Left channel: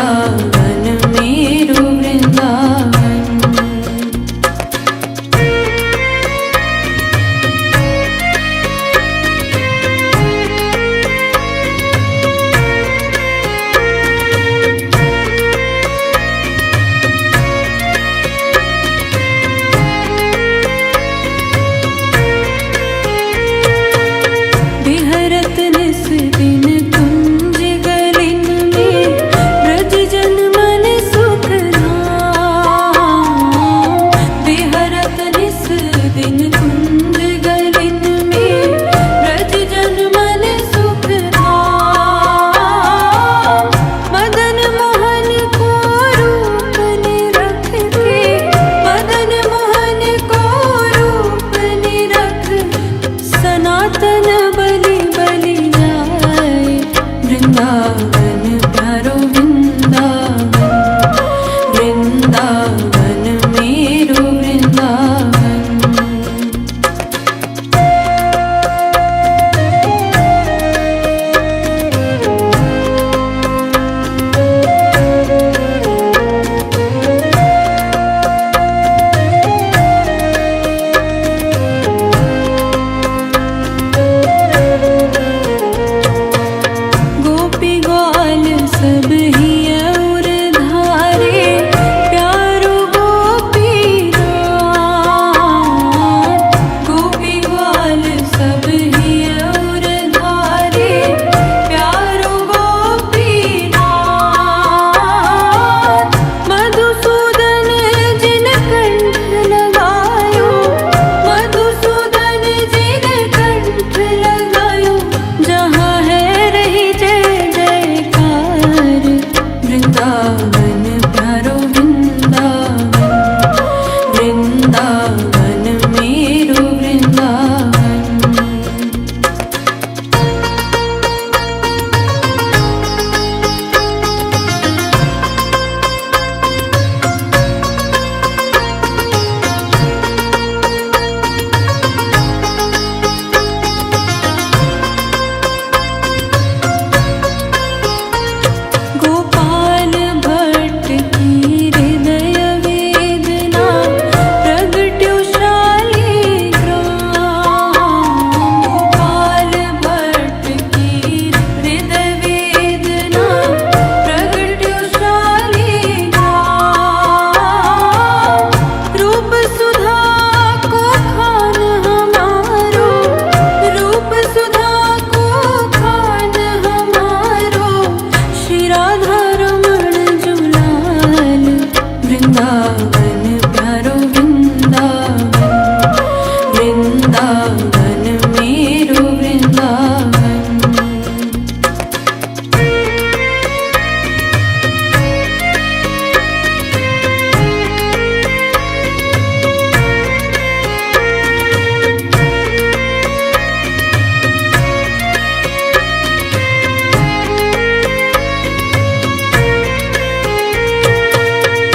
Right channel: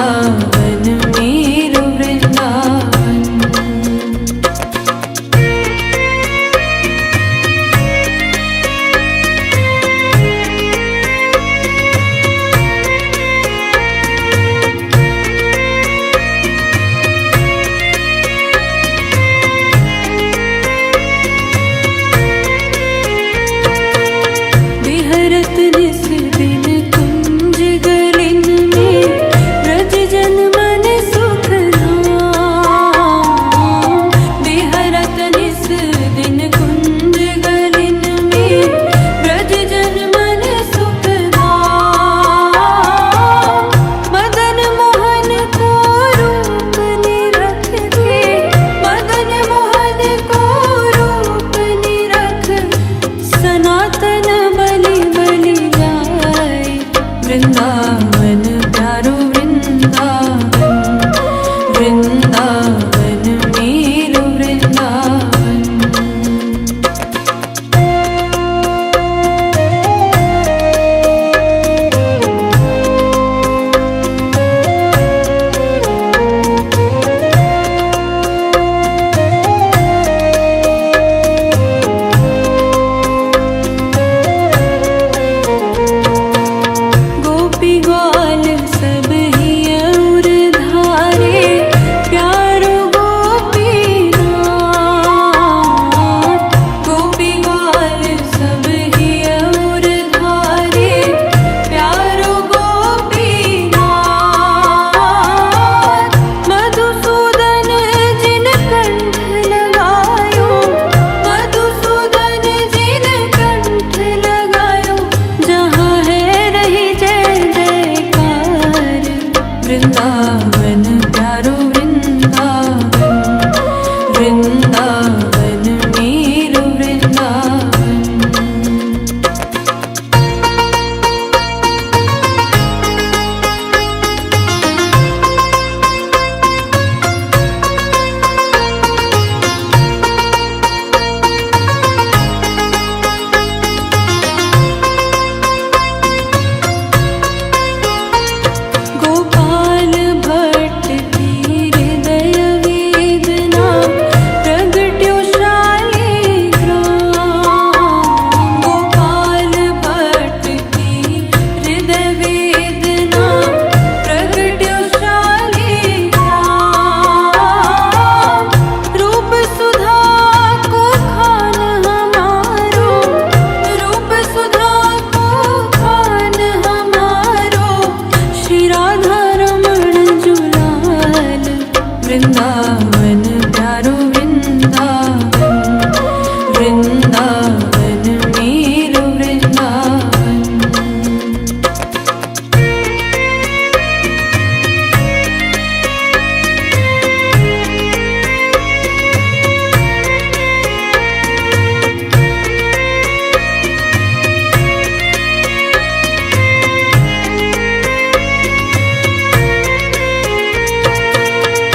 वृंदावन मेरो वृंदावन। बिहरत निस दिन कुंज गलिन में ब्रज जन मन सुख धाम। बिहरत निस दिन कुंज गलिन में ब्रज जन मन सुख धाम। मदन मोहन को रूप निरख के, मदन मोहन को रूप निरख सनातन बलि बलि जाए। वृंदावन प्यारो वृंदावन, वृंदावन मेरो वृंदावन। गोपी ग्वाल सब ही और धारे, प्यारो गोपीनाथ। गोपी ग्वाल सब ही और धारे, प्यारो गोपीनाथ। मधुसूदन जिन कंठ लगायो, मधुसूदन जिन कंठ लगायो। जहाँ है रही जय जयकार। वृंदावन प्यारो वृंदावन, वृंदावन मेरो वृंदावन। गोपाल भट्ट की हृदय वेदना प्रगट्यो शालिग्राम। गोपाल भट्ट की हृदय वेदना प्रगट्यो शालिग्राम। रूप सुधा को खान हमारो, रूप सुधा को खान हमारो। श्री राधा रमण जुलाल। वृंदावन प्यारो वृंदावन, वृंदावन मेरो वृंदावन।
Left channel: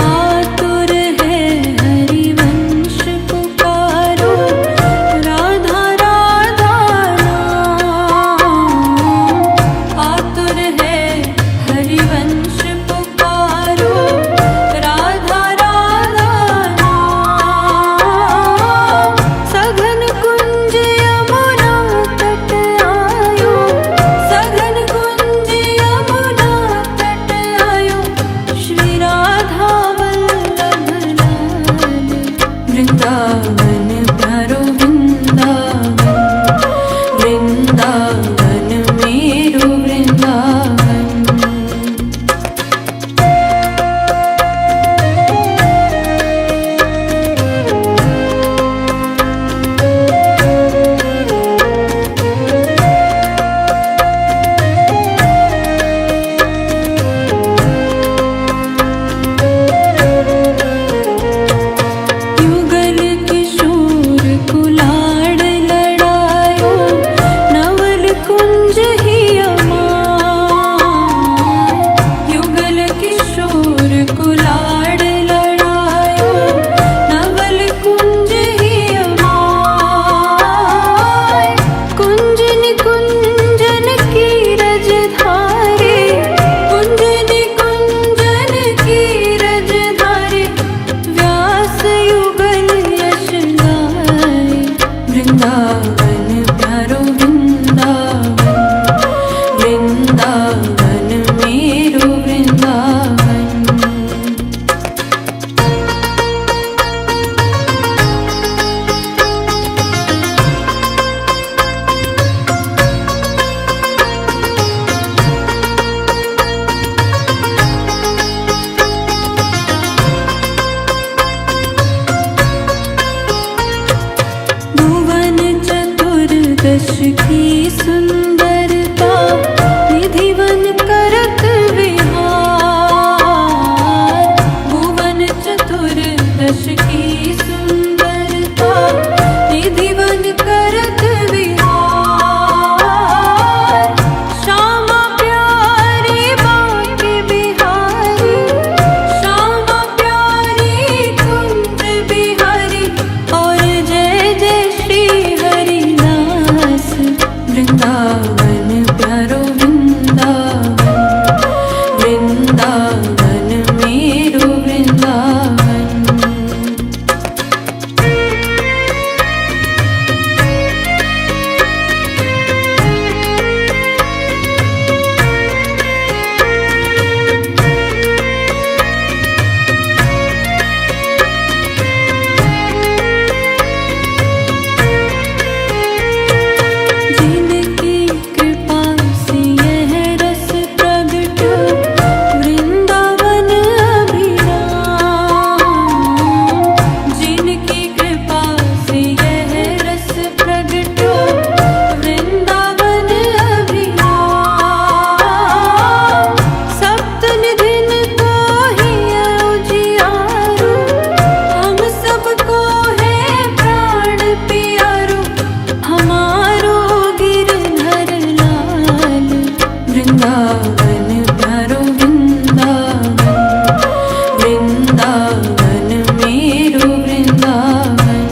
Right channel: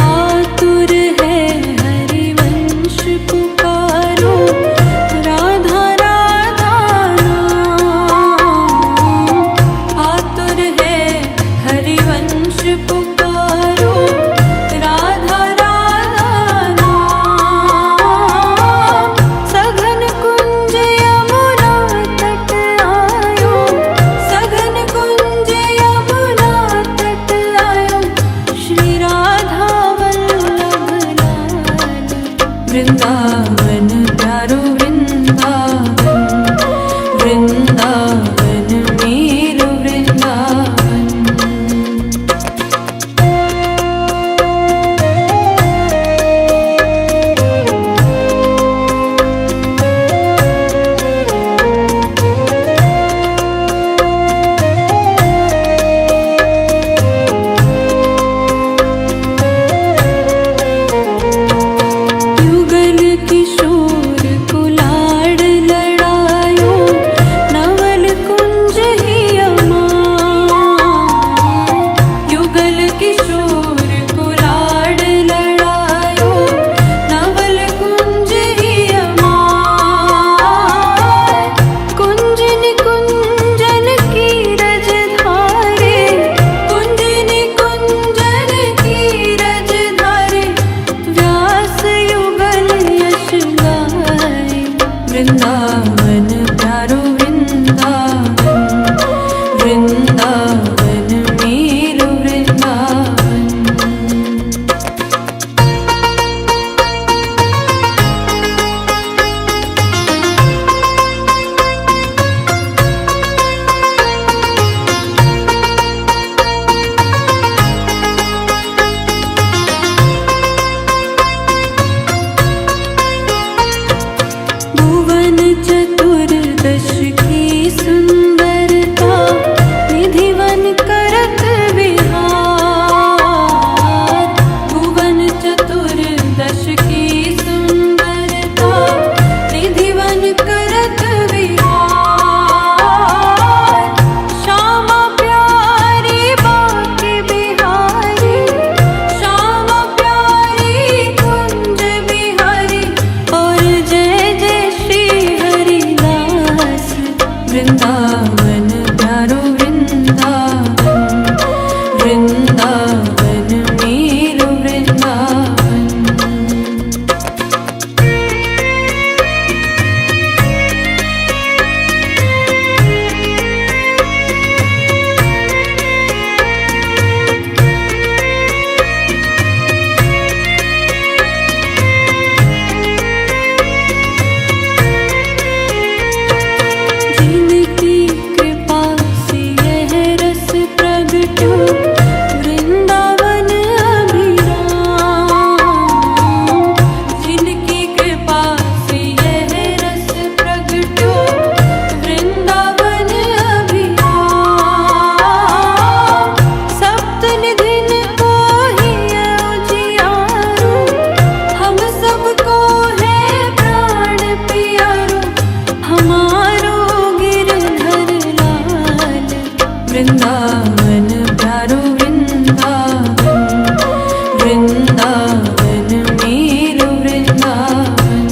आतुर है हरिवंश पुकारो, राधा राधा नाम। आतुर है हरिवंश पुकारो, राधा राधा नाम। सघन कुंज यमुना तट आयो, सघन कुंज यमुना तट आयो। श्री राधा वल्लभ लाल। वृंदावन प्यारो वृंदावन, वृंदावन मेरो वृंदावन। युगल किशोर कुल दश की सुंदरता निधिवन करत विहार। भुवन चतुर्दश की सुंदरता निधिवन करत विहार। श्यामा प्यारी बाके बिहारी, श्यामा प्यारी कुंज बिहारी। और जय जय श्री हरिदास वृंदावन प्यारो वृंदावन, वृंदावन मेरो वृंदावन। जिनकी कृपा से यह रस प्रगट्यो वृंदावन अभिराम। जिनकी कृपा से यह रस प्रगट्यो वृंदावन अभिराम। सप्त निधिन को ही उजियारो, हम सबको है प्राण प्यारो। हमारो गिरधर लाल वृंदावन प्यारो वृंदावन, वृंदावन मेरो वृंदावन।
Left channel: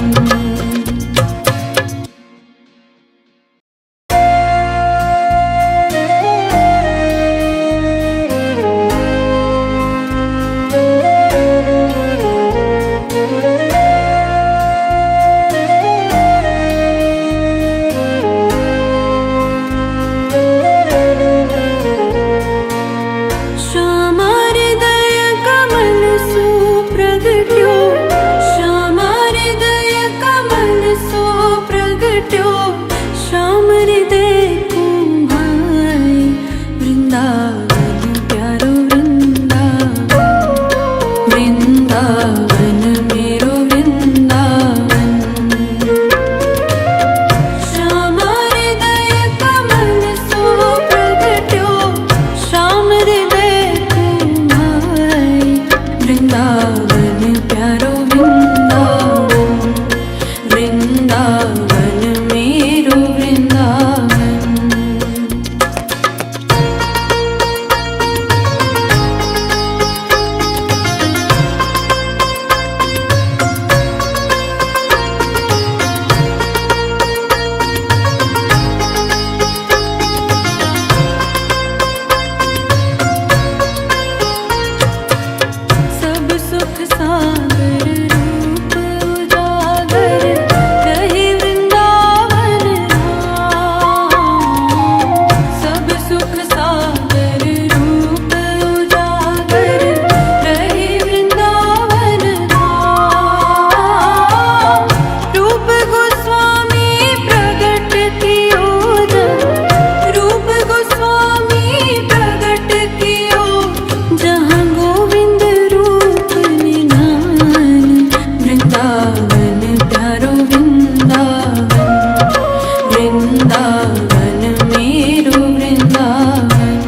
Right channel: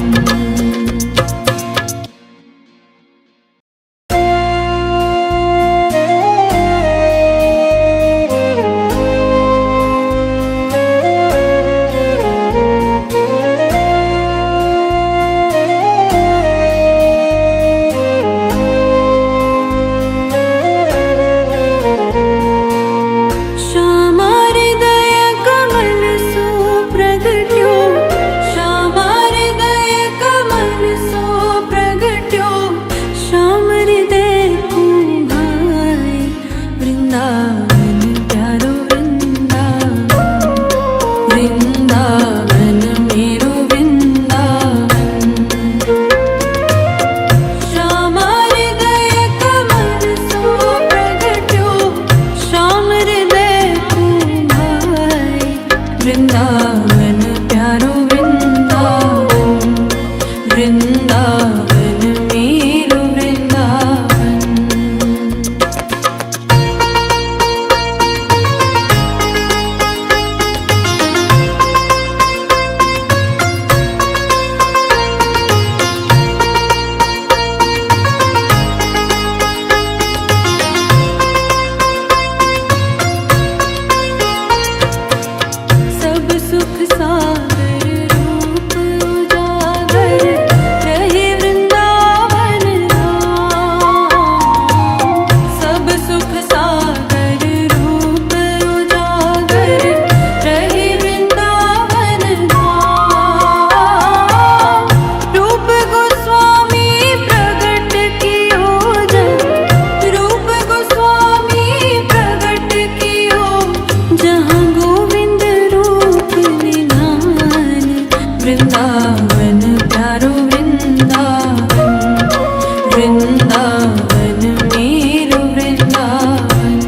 श्यामा हृदय कमल सो प्रगट्यो, श्यामा हृदय कमल सो प्रगट्यो। श्याम हृदय को भाई वृंदावन प्यारो वृंदावन, वृंदावन मेरो वृंदावन। श्यामा हृदय कमल सो प्रगट्यो, श्याम हृदय को भाई वृंदावन प्यारो वृंदावन, वृंदावन मेरो वृंदावन। सब सुख सागर रूप उजागर रहे वृंदावन धाम। सब सुख सागर रूप उजागर रहे वृंदावन धाम। रूप गोस्वामी प्रगट कियो जब, रूप गोस्वामी प्रगट कियो जहाँ गोविंद रूप निधान। वृंदावन प्यारो वृंदावन, वृंदावन मेरो वृंदावन।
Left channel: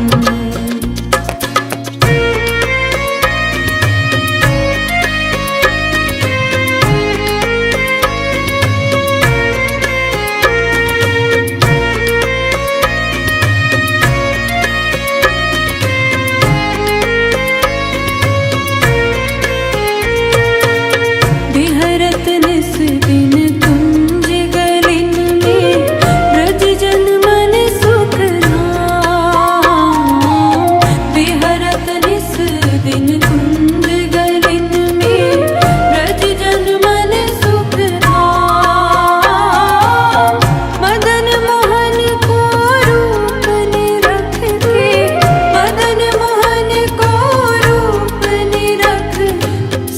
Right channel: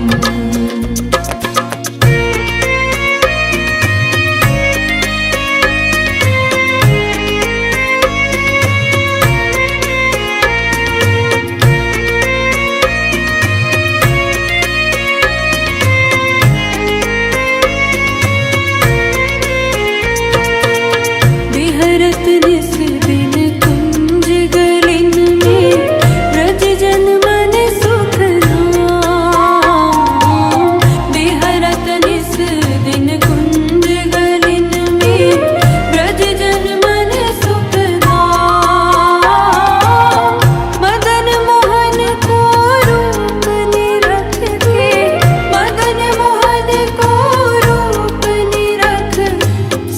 बिहरत निस दिन कुंज गलिन में ब्रज जन मन सुख धाम। बिहरत निस दिन कुंज गलिन में ब्रज जन मन सुख धाम। मदन मोहन को रूप निरख के, मदन मोहन को रूप निरख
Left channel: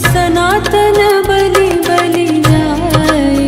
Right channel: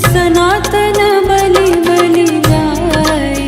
सनातन बलि बलि जाए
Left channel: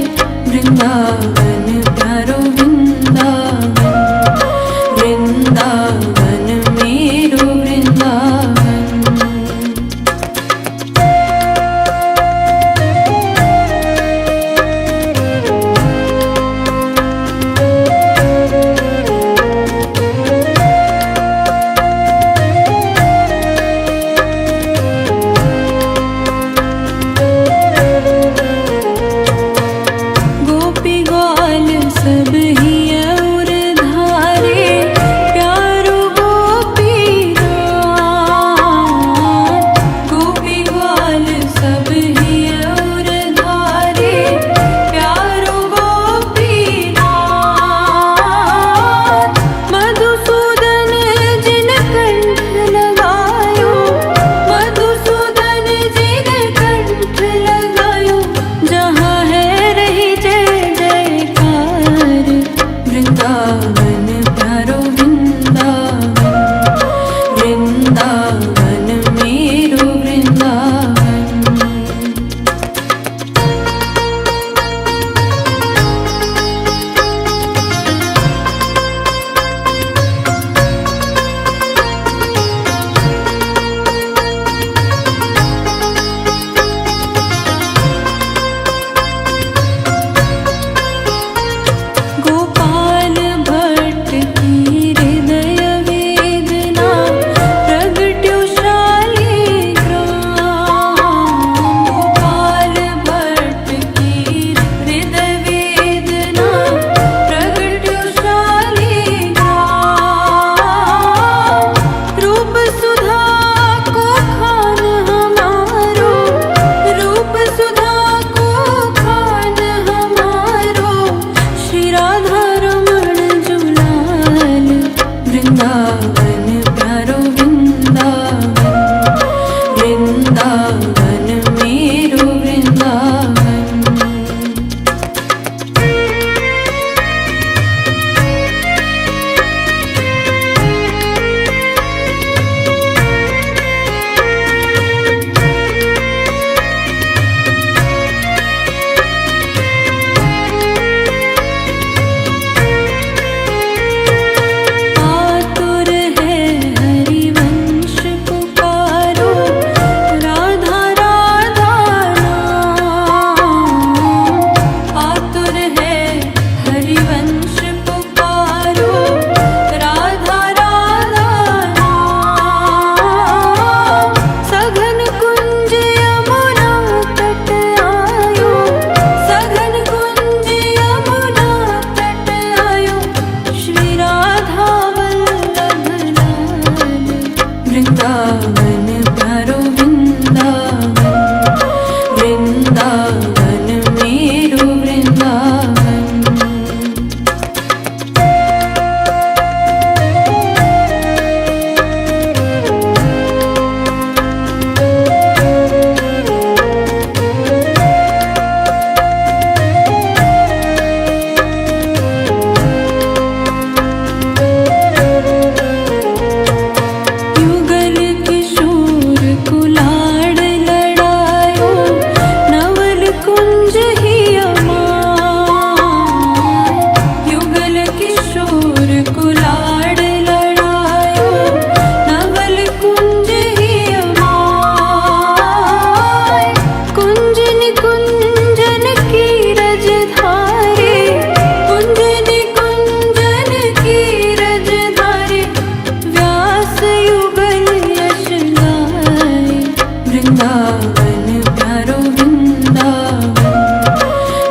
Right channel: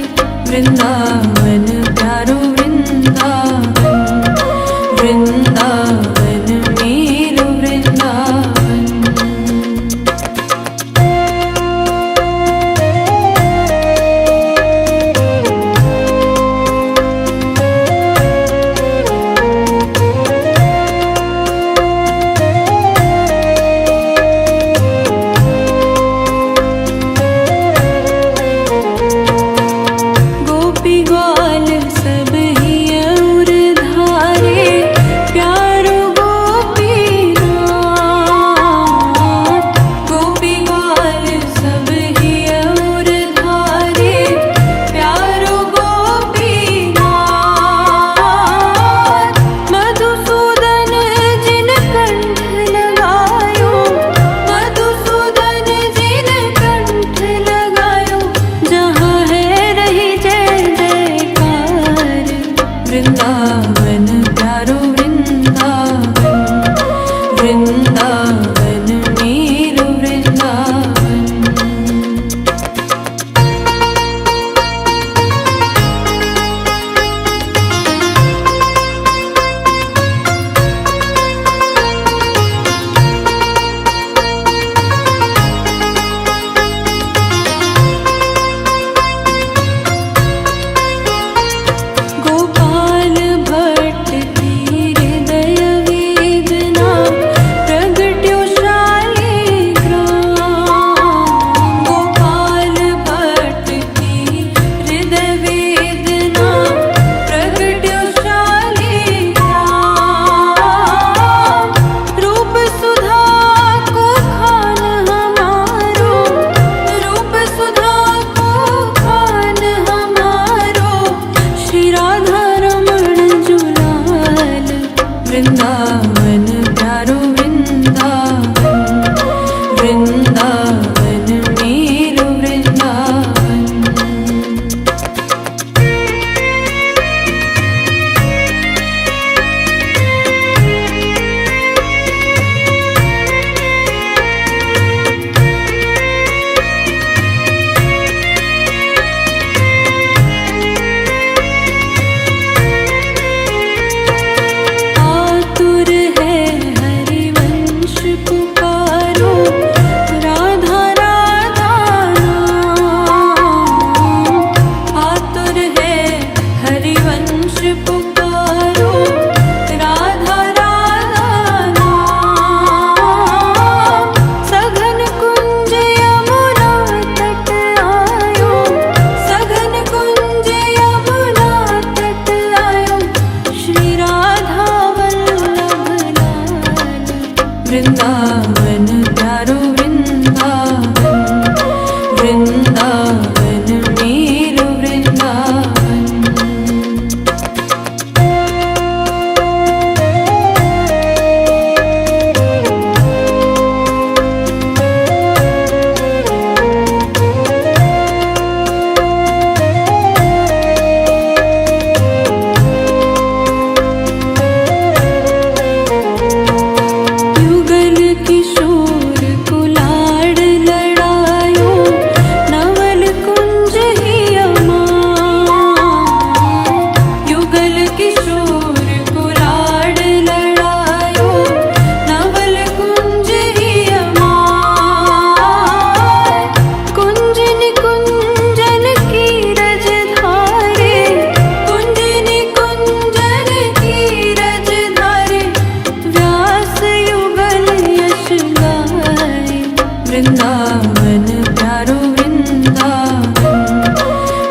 वृंदावन प्यारो वृंदावन,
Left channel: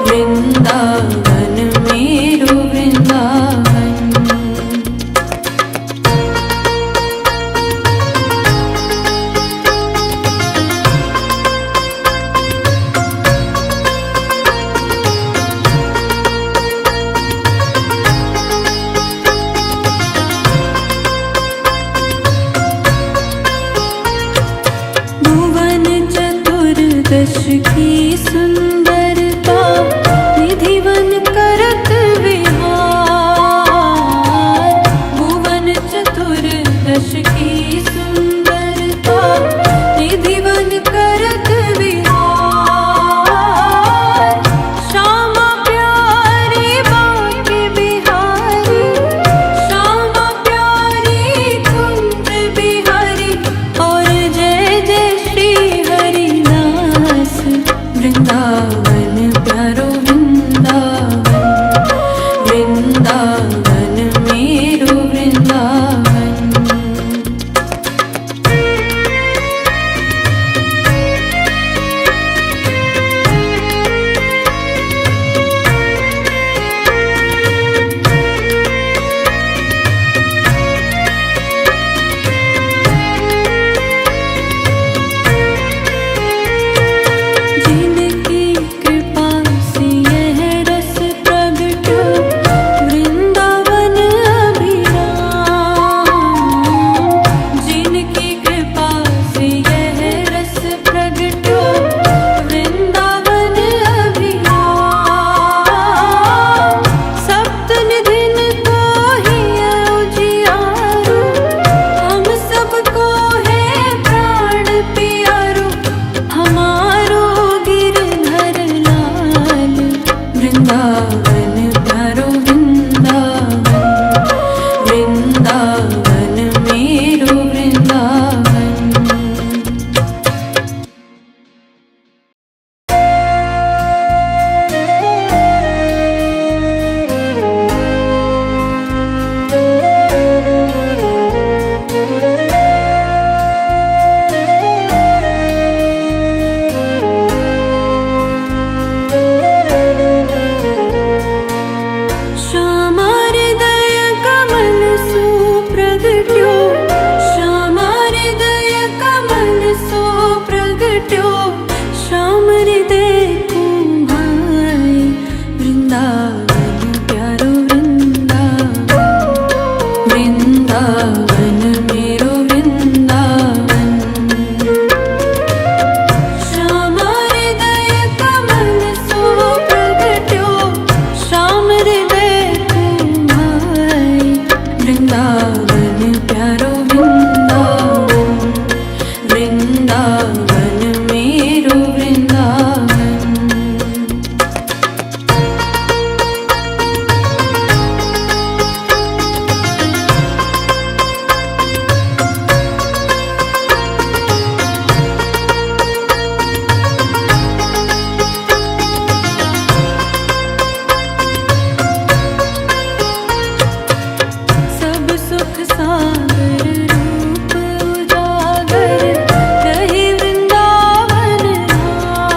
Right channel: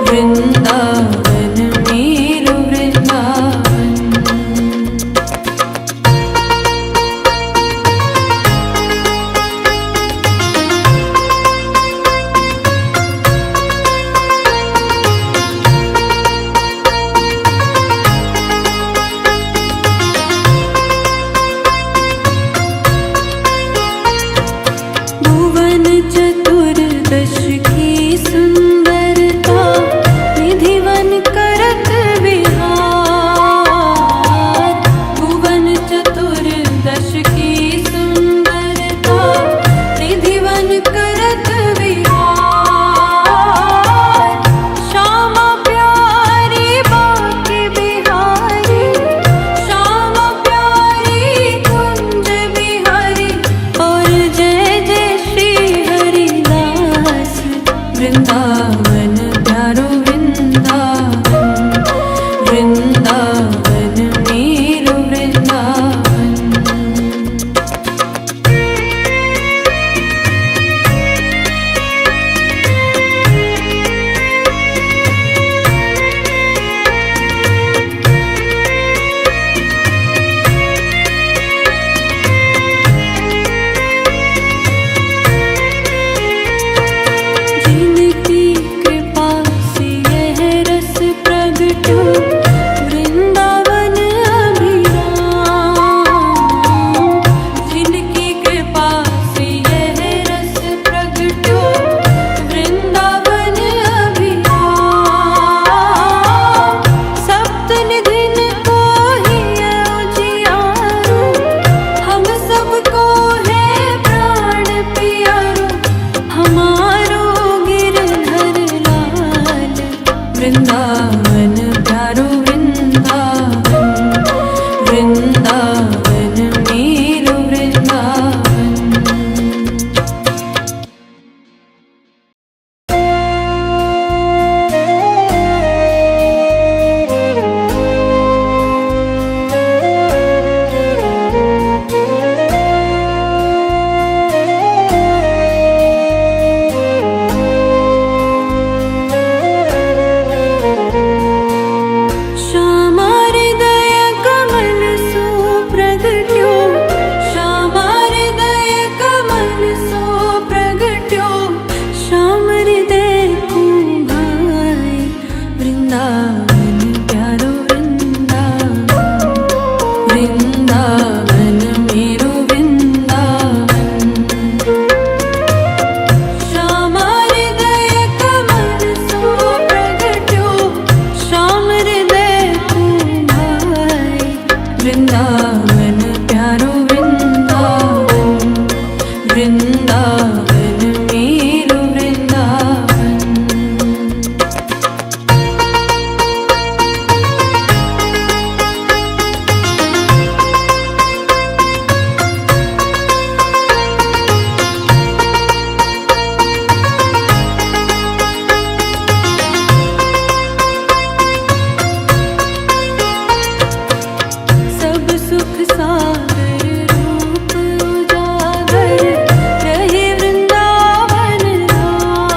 वृंदावन मेरो वृंदावन। भुवन चतुर्दश की सुंदरता, निधिवन करत विहार। भुवन चतुर्दश की सुंदरता, निधिवन करत विहार। श्यामा प्यारी बाके बिहारी, श्यामा प्यारी कुंज बिहारी। और जय जय श्री हरिदास, वृंदावन प्यारो वृंदावन, वृंदावन मेरो वृंदावन। जिनकी कृपा से यह रस प्रगट्यो, वृंदावन अभिराम। जिनकी कृपा से यह रस प्रगट्यो, वृंदावन अभिराम। सप्त निधिन को ही उजियारो, हम सबको है प्राण प्यारो। हमारो गिरधर लाल, वृंदावन प्यारो वृंदावन, वृंदावन मेरो वृंदावन। श्यामा हृदय कमल सु प्रगट्यो, श्यामा हृदय कमल सु प्रगट्यो। श्याम हृदय को भाई, वृंदावन प्यारो वृंदावन, वृंदावन मेरो वृंदावन। श्यामा हृदय कमल सु प्रगट्यो, श्याम हृदय को भाई, वृंदावन प्यारो वृंदावन, वृंदावन मेरो वृंदावन। सब सुख सागर रूप उजागर, रहे वृंदावन धाम।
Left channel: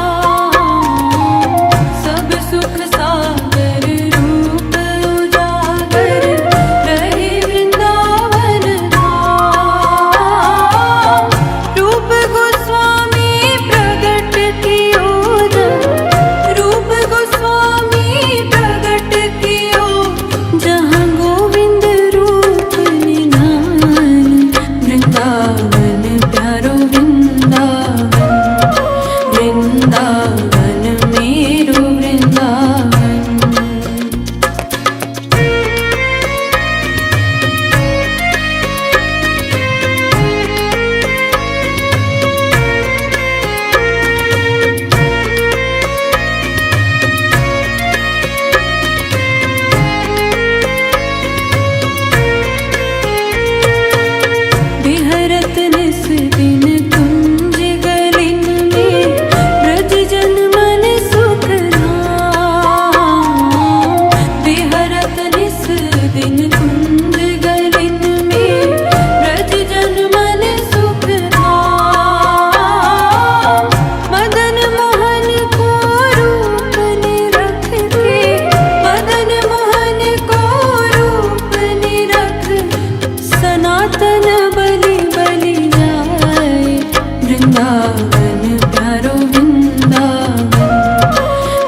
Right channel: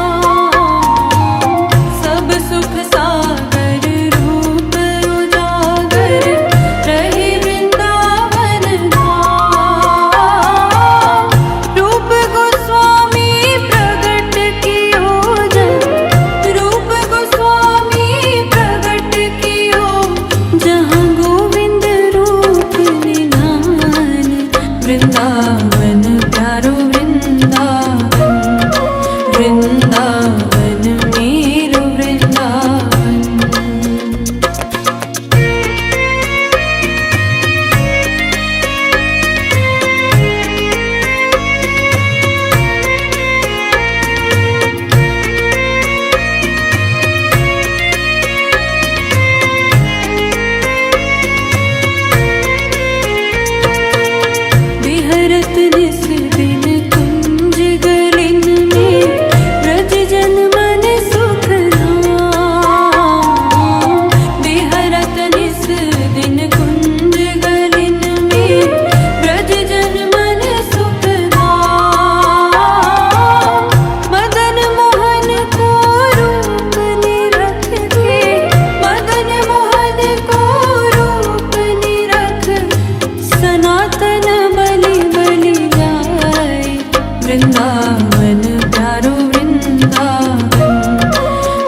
वृंदावन प्यारो वृंदावन,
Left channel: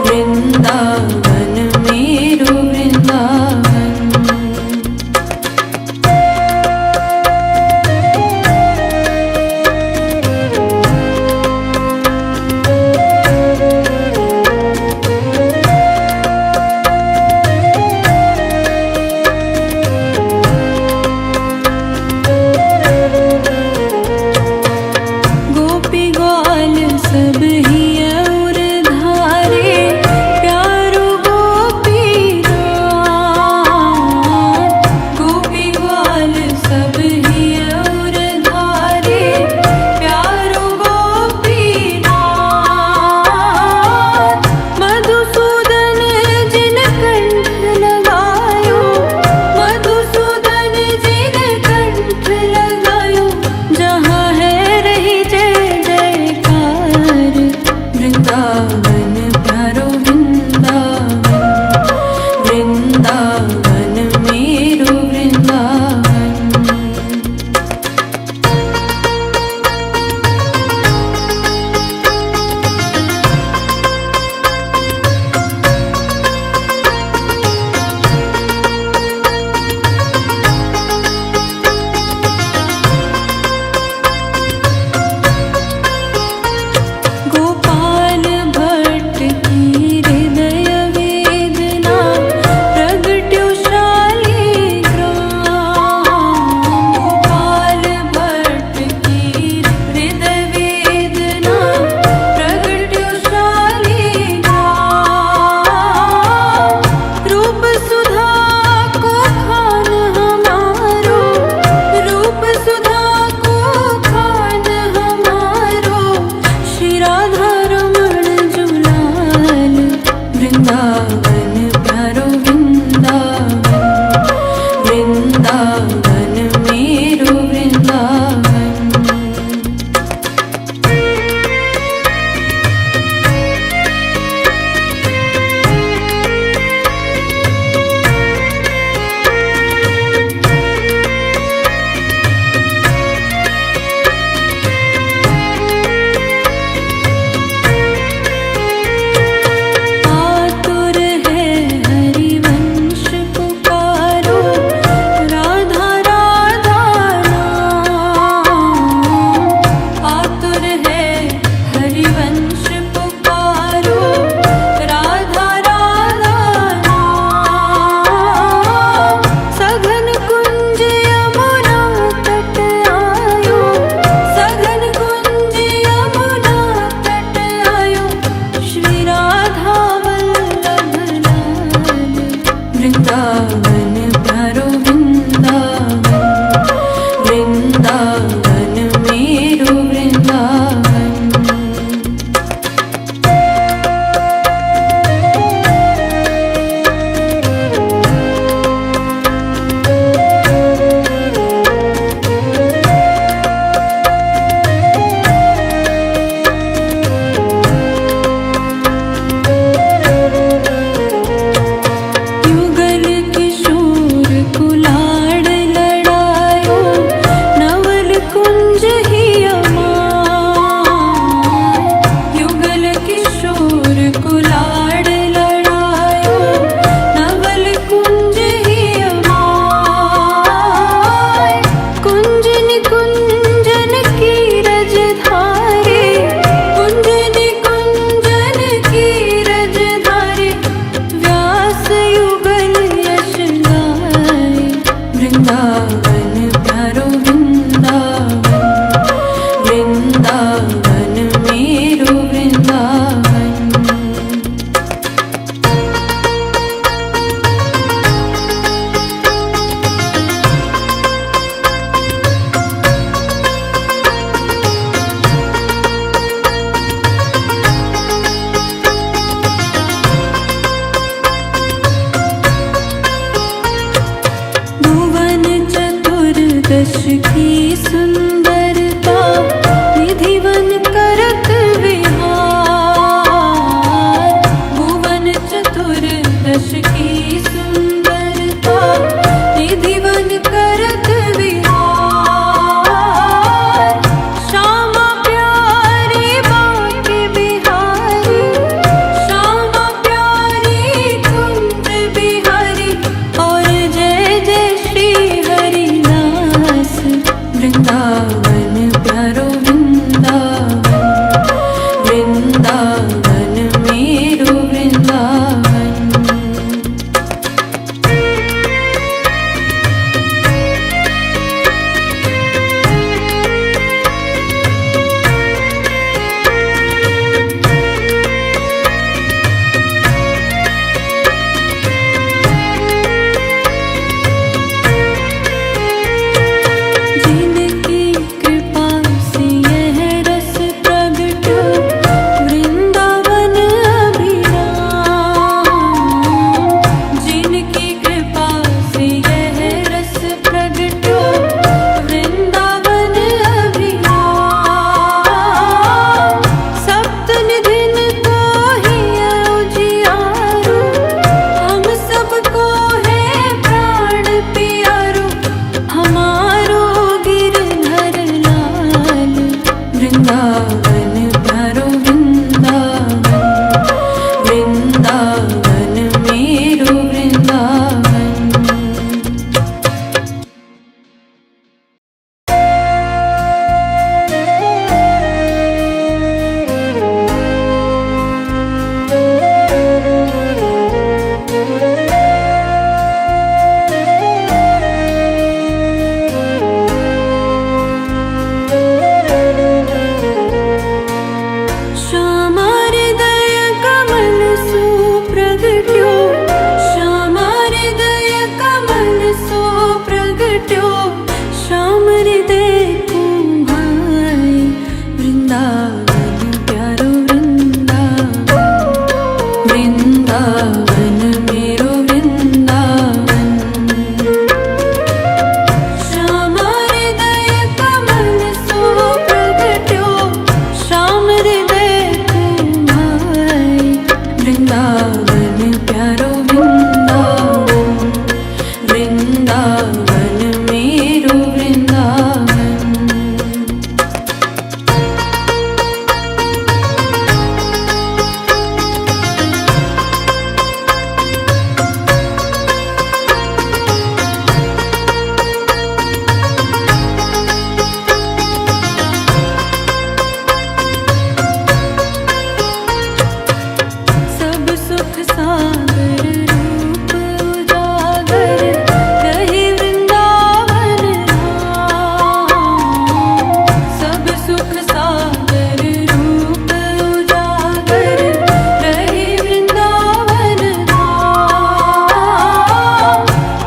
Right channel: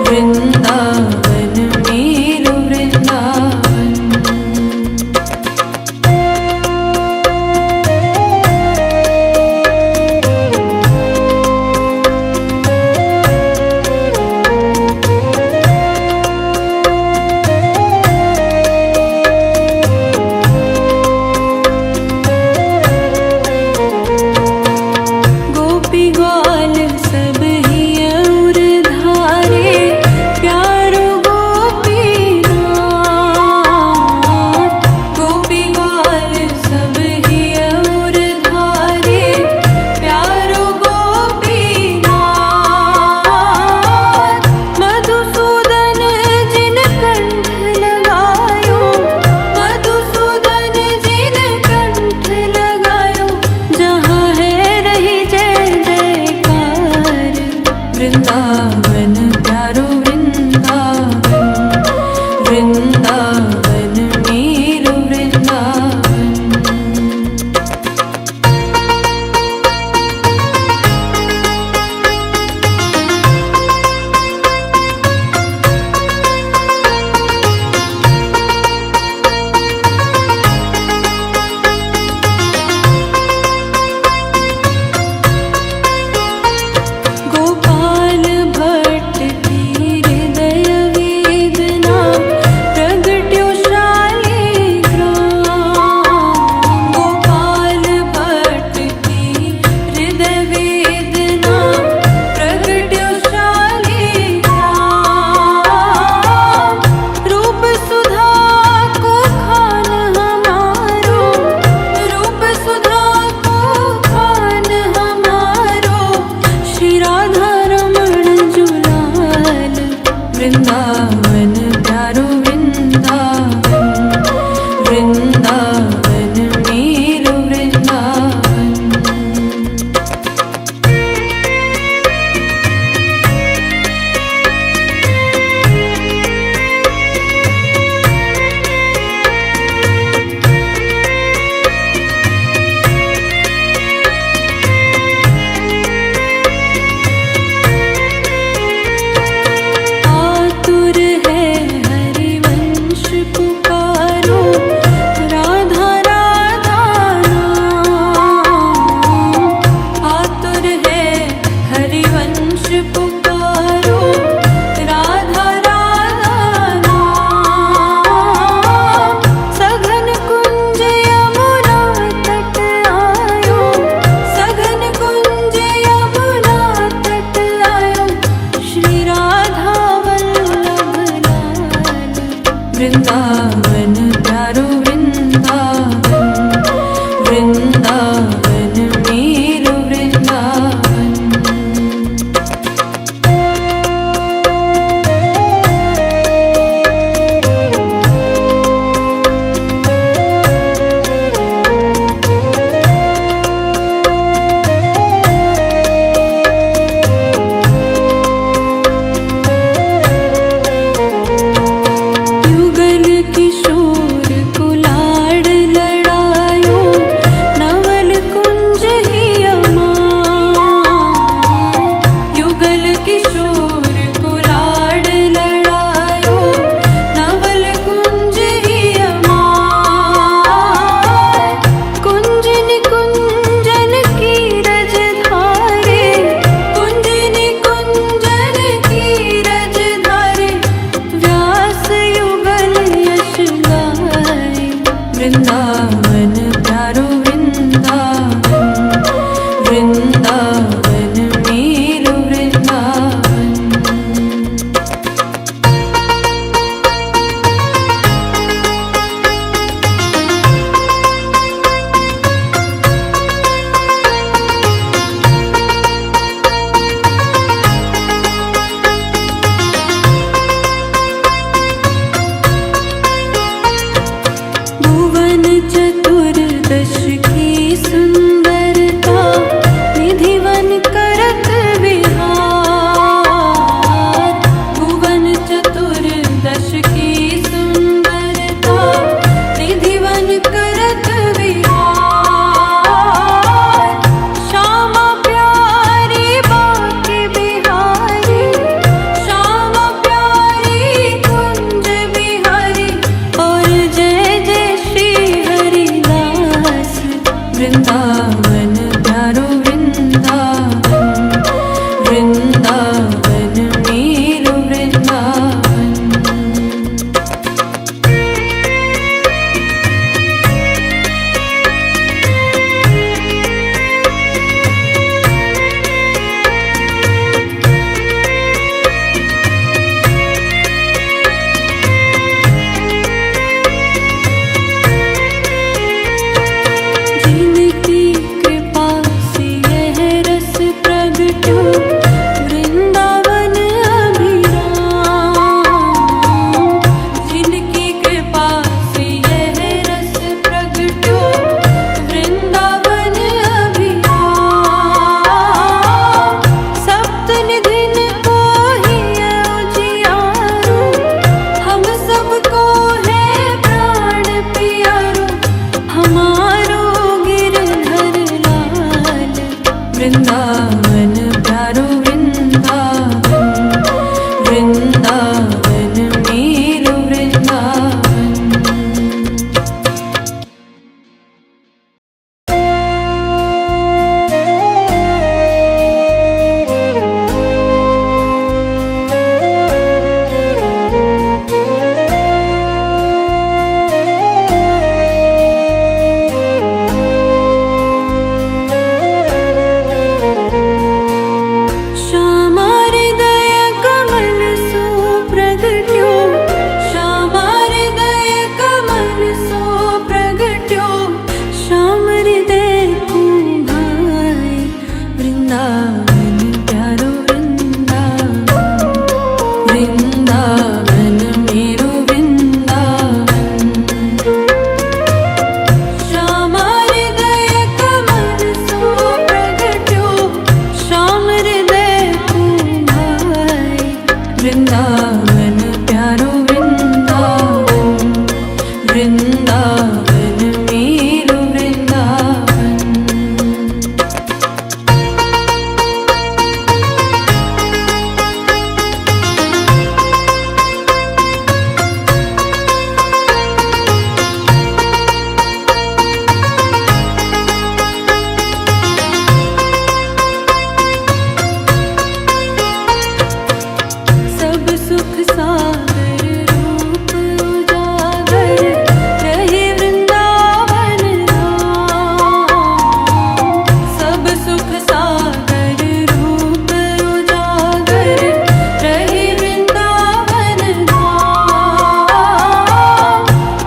वृंदावन मेरो वृंदावन। गोपी ग्वाल सब ही और धारे, प्यारो गोपीनाथ। गोपी ग्वाल सब ही और धारे, प्यारो गोपीनाथ। मधुसूदन जिन कंठ लगायो, मधुसूदन जिन कंठ लगायो, जहाँ है रही जय जयकार। वृंदावन प्यारो वृंदावन, वृंदावन मेरो वृंदावन। गोपाल भट्ट की हृदय वेदना, प्रगट्यो शालिग्राम। गोपाल भट्ट की हृदय वेदना, प्रगट्यो शालिग्राम। रूप सुधा को खान हमारो, रूप सुधा को खान हमारो, श्री राधा रमण जुलाल। वृंदावन प्यारो वृंदावन, वृंदावन मेरो वृंदावन। आतुर है हरिवंश पुकारो, राधा राधा नाम। आतुर है हरिवंश पुकारो, राधा राधा नाम। सघन कुंज यमुना तट आयो, सघन कुंज यमुना तट आयो, श्री राधा वल्लभ लाल। वृंदावन प्यारो वृंदावन, वृंदावन मेरो वृंदावन। युगल किशोर कुलाड़ लड़ायो, नवल कुंज ही अमाय। युगल किशोर कुलाड़ लड़ायो, नवल कुंज ही अमाय। कुंज निकुंजन की रज धारे, कुंज निकुंजन की रज धारे, व्यास युगल यश गाए। वृंदावन प्यारो वृंदावन, वृंदावन मेरो वृंदावन। भुवन चतुर्दश की सुंदरता, निधिवन करत विहार। भुवन चतुर्दश की सुंदरता, निधिवन करत विहार। श्यामा प्यार वृंदावन प्यारो वृंदावन, वृंदावन मेरो वृंदावन। श्याम हृदय कमल सो प्रगट्यो, श्याम हृदय को भाई, वृंदावन प्यारो वृंदावन, वृंदावन मेरो वृंदावन। सब सुख सागर रूप उजागर, रहे वृंदावन धाम। सब सुख सागर रूप उजागर, रहे वृंदावन धाम।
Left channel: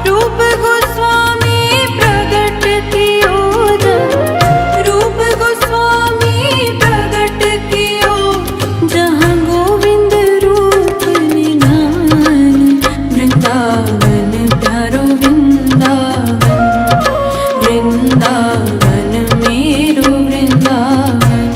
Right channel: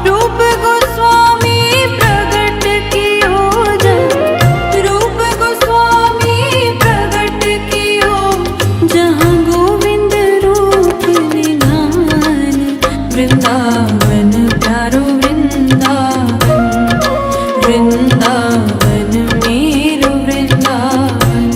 रूप गोस्वामी प्रगट कियो जब, रूप गोस्वामी प्रगट कियो जहाँ गोविंद रूप निधान। वृंदावन प्यारो वृंदावन, वृंदावन मेरो वृंदावन।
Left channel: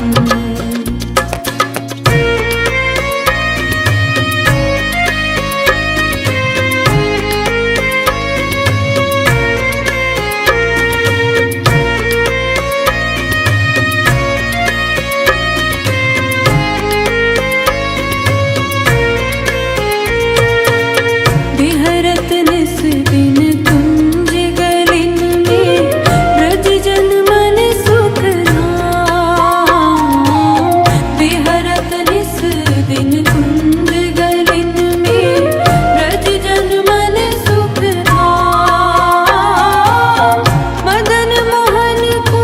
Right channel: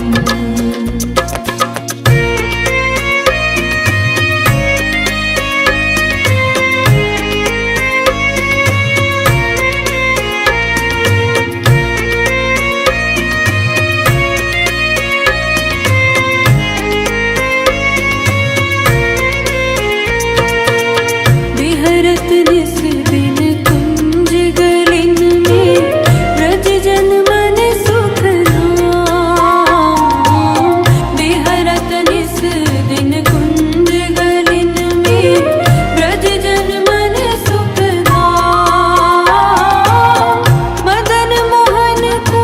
विहरत निस दिन कुंज गलिन में, ब्रज जन मन सुख धाम। विहरत निस दिन कुंज गलिन में, ब्रज जन मन सुख धाम। मदन मोहन को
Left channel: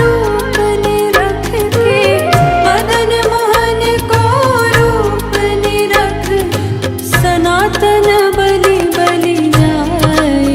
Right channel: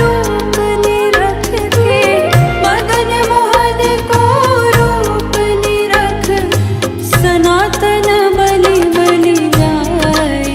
रूप निरख के, मदन मोहन को रूप निरख, सनातन बलि बलि जाए,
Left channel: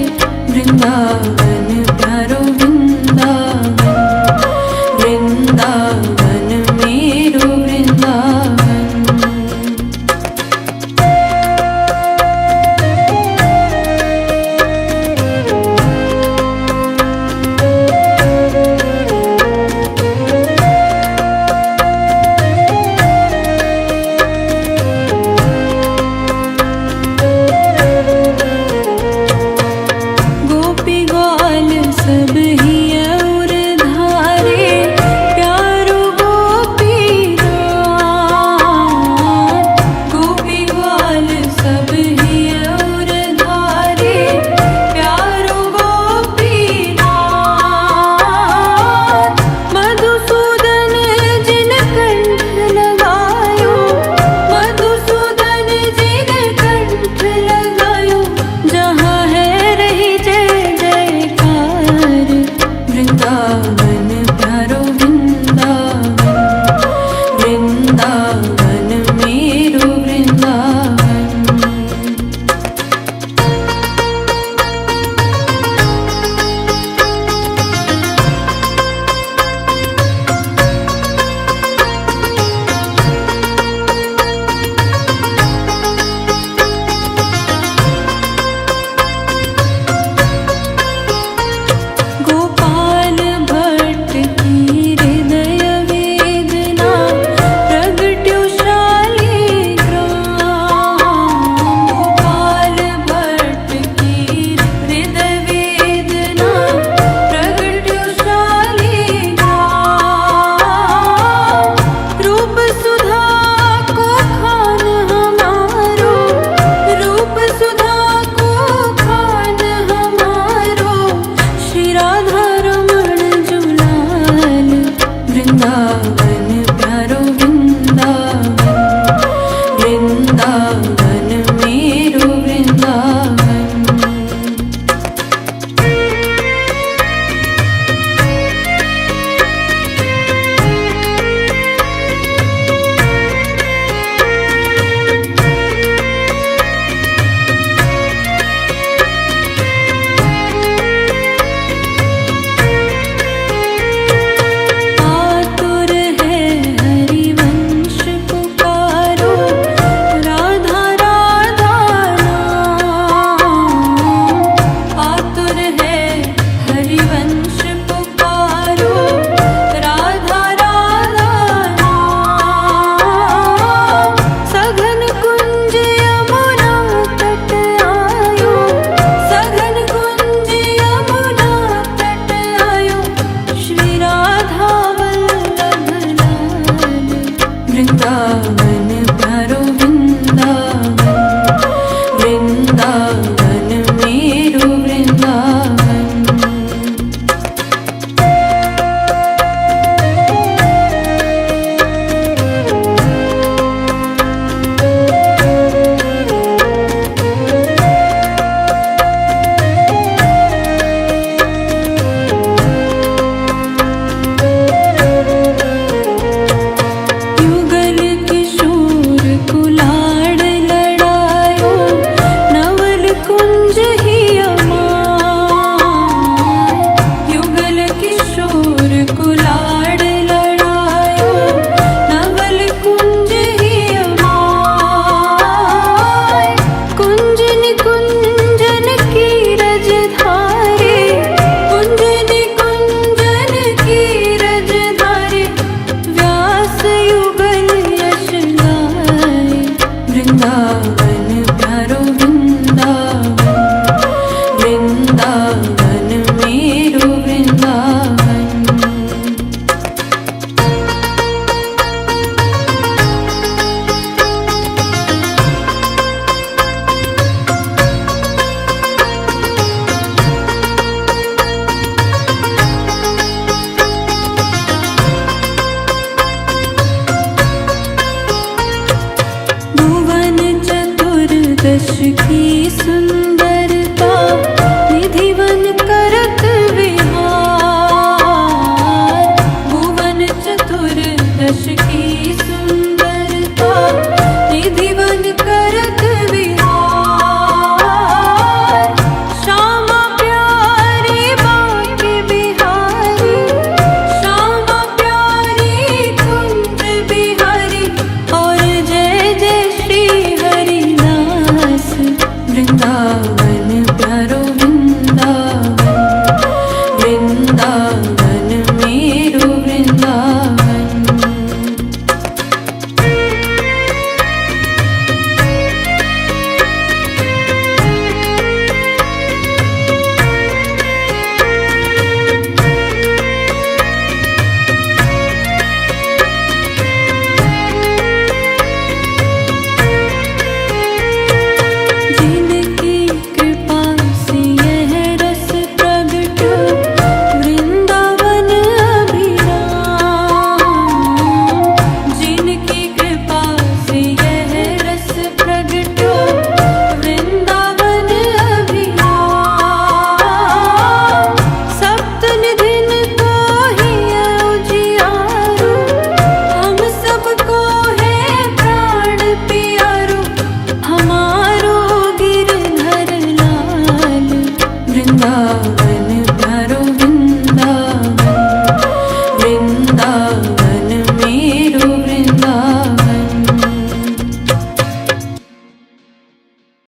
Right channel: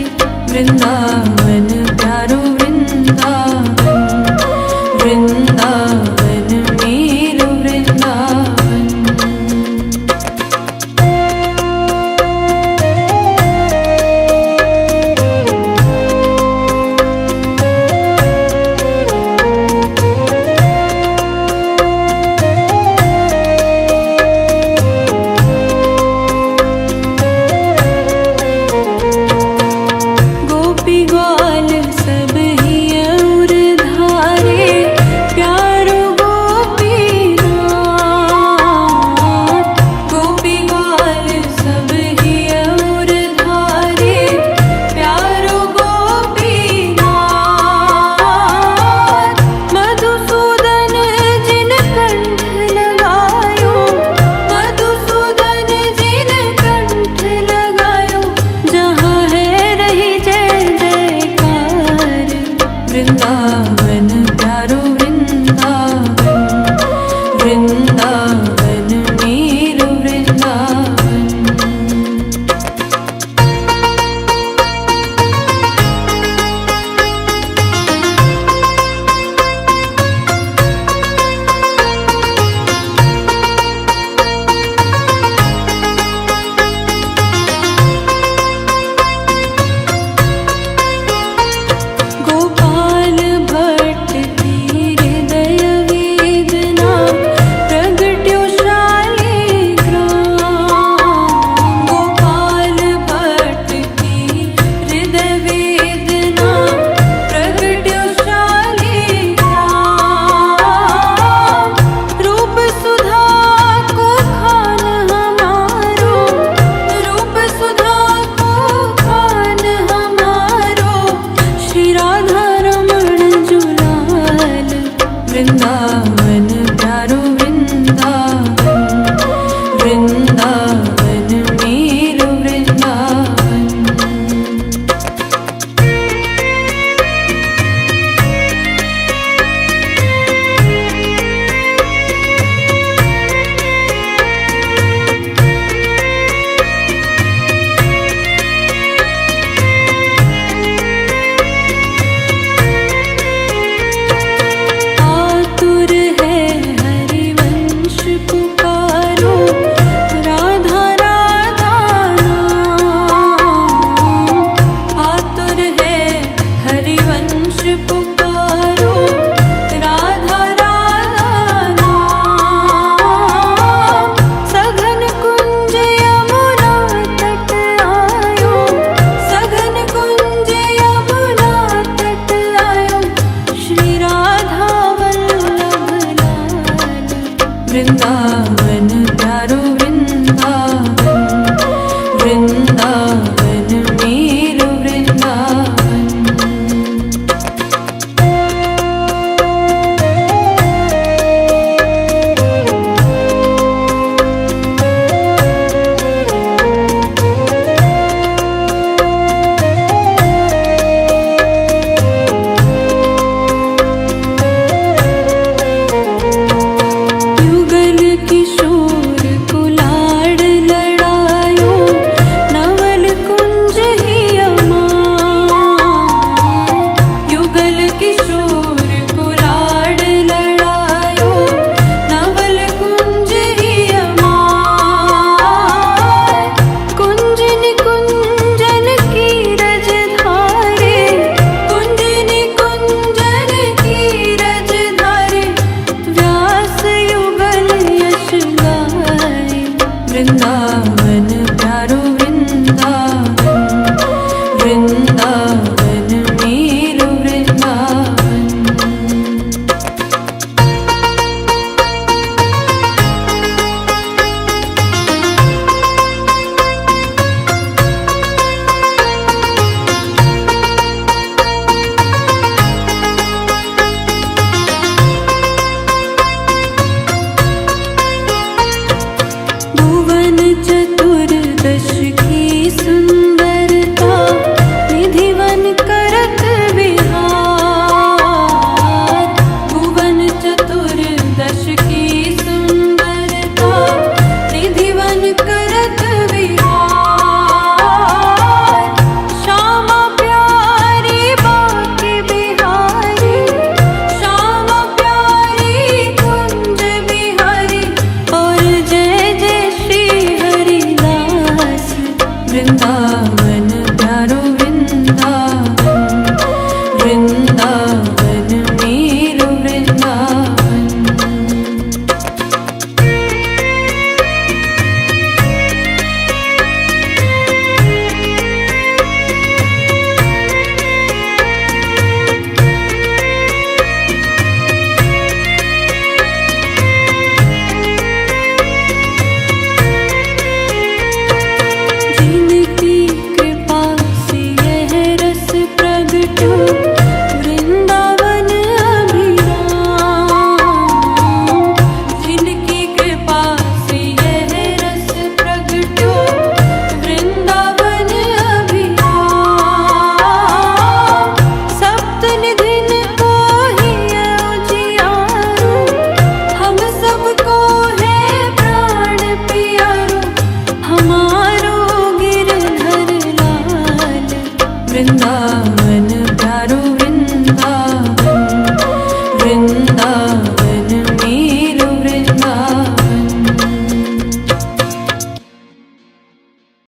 वृंदावन प्यारो वृंदावन, वृंदावन मेरो वृंदावन। युगल किशोर कुलाड़ लड़ायो, नवल कुंज ही अमाय। युगल किशोर कुलाड़ लड़ायो, नवल कुंज ही अमाय। कुंज निकुंजन की रज धारे, कुंज निकुंजन की रज धारे, व्यास युगल यश गाए। वृंदावन प्यारो वृंदावन, वृंदावन मेरो वृंदावन। भुवन चतुर्दश की सुंदरता, निधिवन करत विहार। भुवन चतुर्दश की सुंदरता, निधिवन करत